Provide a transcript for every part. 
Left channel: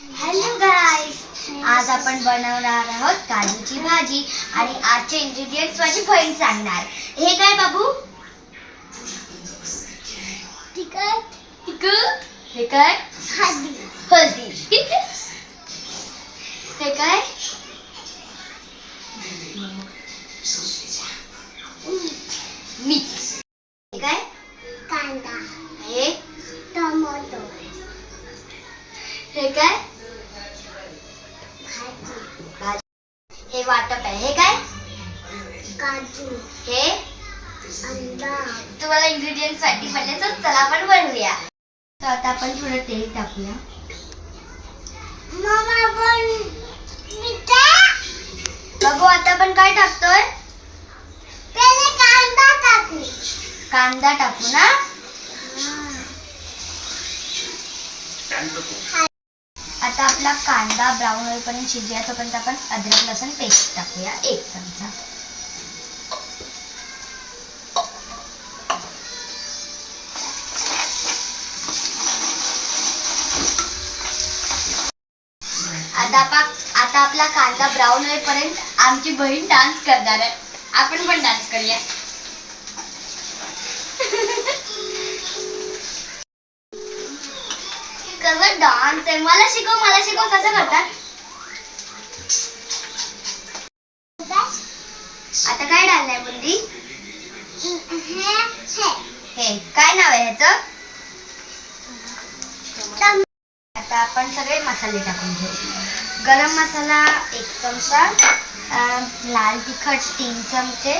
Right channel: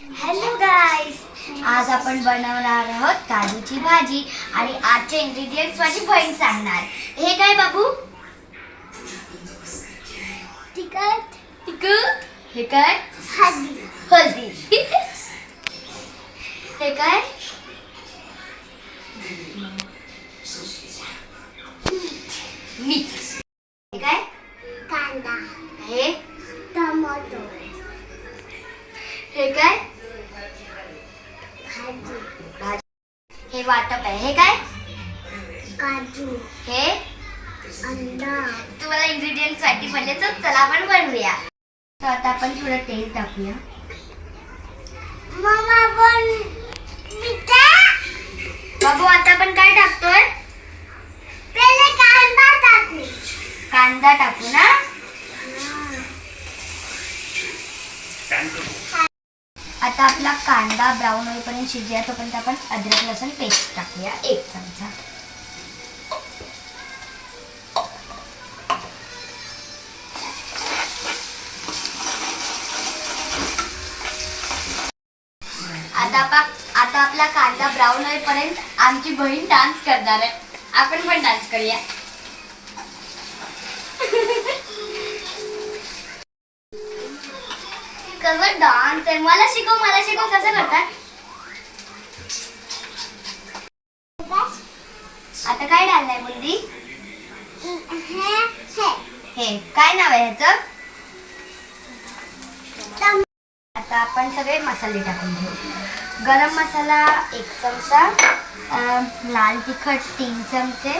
Hello गाईस, आज आपण बनवणार आहोत काजूची भाजी आणि आजचे इंग्रेडिएंट्स माझी बहीण सांगणार. हे काय बाबू? तिखट. तिखट. हे काय? हळदी. हळदी. हे काय? मीठ. हे काय? कांदा. हे टोमॅटो. हे काय? भाजी. हे वाटप आहे. हे काय? काजू. हे अंडा. तुम्हाला इंग्रेडिएंट्स साठी पडले तर चला आपण बनवूया. तर आता आपण थोडं तेल टाकूया. मम्मा बाबू आता आपण काय टाकतोय? पहिले कांदा टाकू. कांदा टाकू ना. आता आपला कांदा ब्राऊन होईपर्यंत शिजूया. तोपर्यंत आपण अद्रक लसूण पेस्ट टाकूया 1 चमचा. आता आपला कांदा ब्राऊन होईपर्यंत आमची बहीण डान्स करणार आहे. आपण पण डान्स करूया. कसं डान्स आहे? मला शिकव कसं करतात. आता काय डाललंय बुंदी? हे काय नाव आहे ह्याचं? आता आपण सगळे मसाले टाकून घेऊ. गरम मसाला 1 चमचा, लाल तिखट 3 चमचे,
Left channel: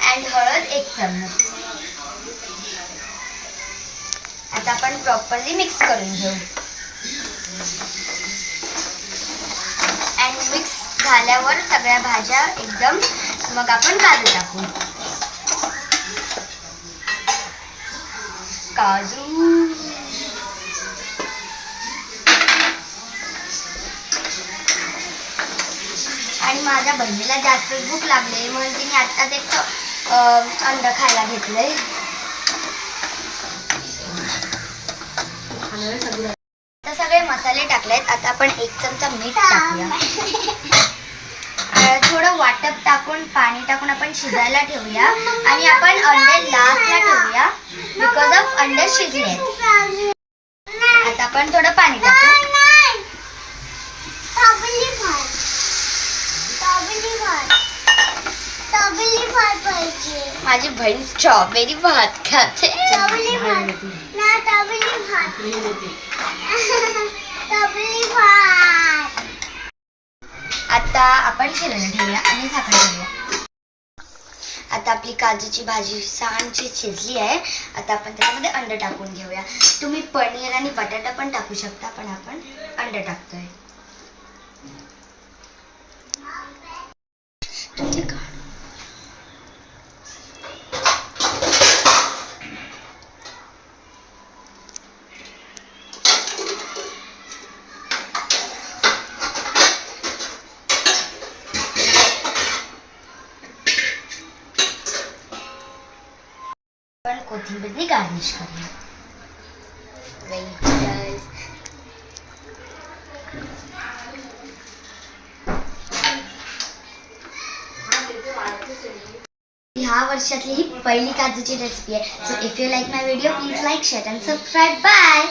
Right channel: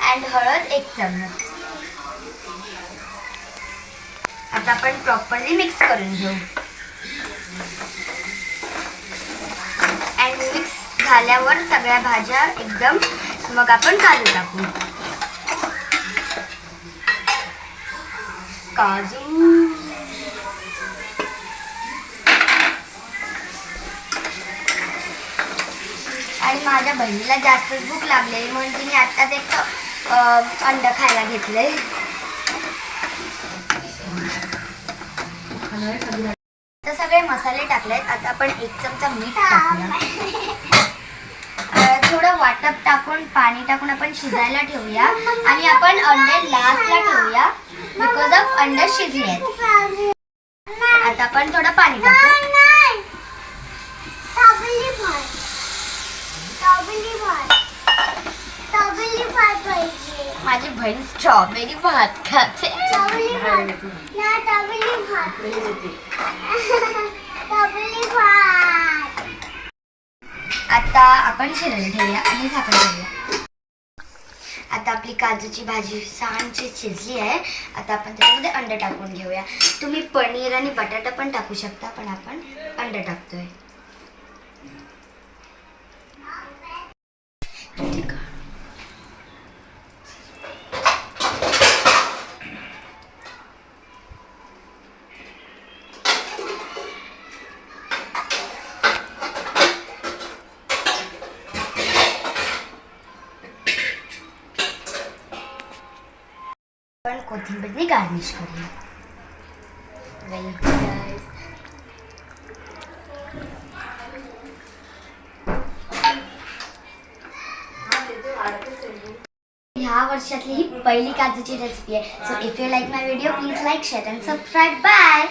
आणि हळद 1 चमच. आता आपण प्रॉपरली मिक्स करून घेऊ. आणि मिक्स झाल्यावर सगळ्या भाज्या एकदम मग आपण काजू टाकू. काजू. आणि माझ्या बहिणीला जास्त भूक लागली म्हणून तिने आत्ताच एक अंड खायला घेतलंय. तर सगळे मसाले टाकलेत. आता आपण 1 चमचा मीठ टाकूया. थोडं वाटप टाकून पाणी टाकून आपण शिजायला ठेवूया. आणि आपण अंडे लास्टला ठेवूया बिकॉज ऑफ अंडे शिजले. आता आपण थोडं पाणी टाकू. माझी बहीण स्ट्रॉबेरी भात खाते. आता आपण शिजायला ठेवूया आणि झाकण ठेवूया. आता आपली काजूची भाजी छानशी शिजली आहे. आता आपण त्याच्यामध्ये अंड टाकून घेऊया. तुम्ही पनीर आणि बटाटा पण टाकू शकता, पण आपण अंड टाकतोय. आपण कोथिंबीरने गार्निश करूया. ह्या वर्षातली ही पहिली काजूची रेसिपी आहे. So if you like my video please like, share and subscribe. Bye.